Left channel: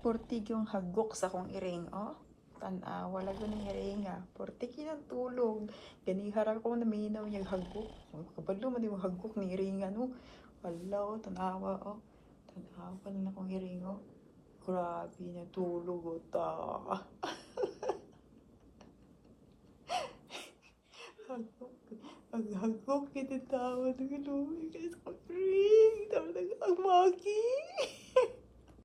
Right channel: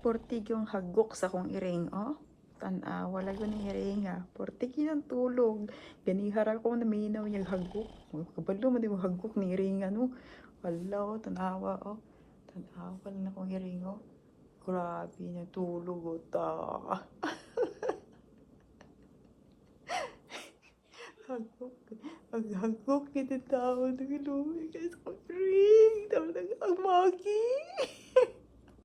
Portig yung hagok sa kong iring, oh. Tanawa lang yung iring, ha. Portig yung tulog. Ganihara ko na minaw yung hagok. Kabalo mo di mo hagok ni iring, ano. Wala ko, tanawa, oh. Tanawa na kong iring, oh. Grabe na tulog, oh, ta. Hagok. Ang hagok ni tao. Nilumay ka sa kong iring. Ang magi.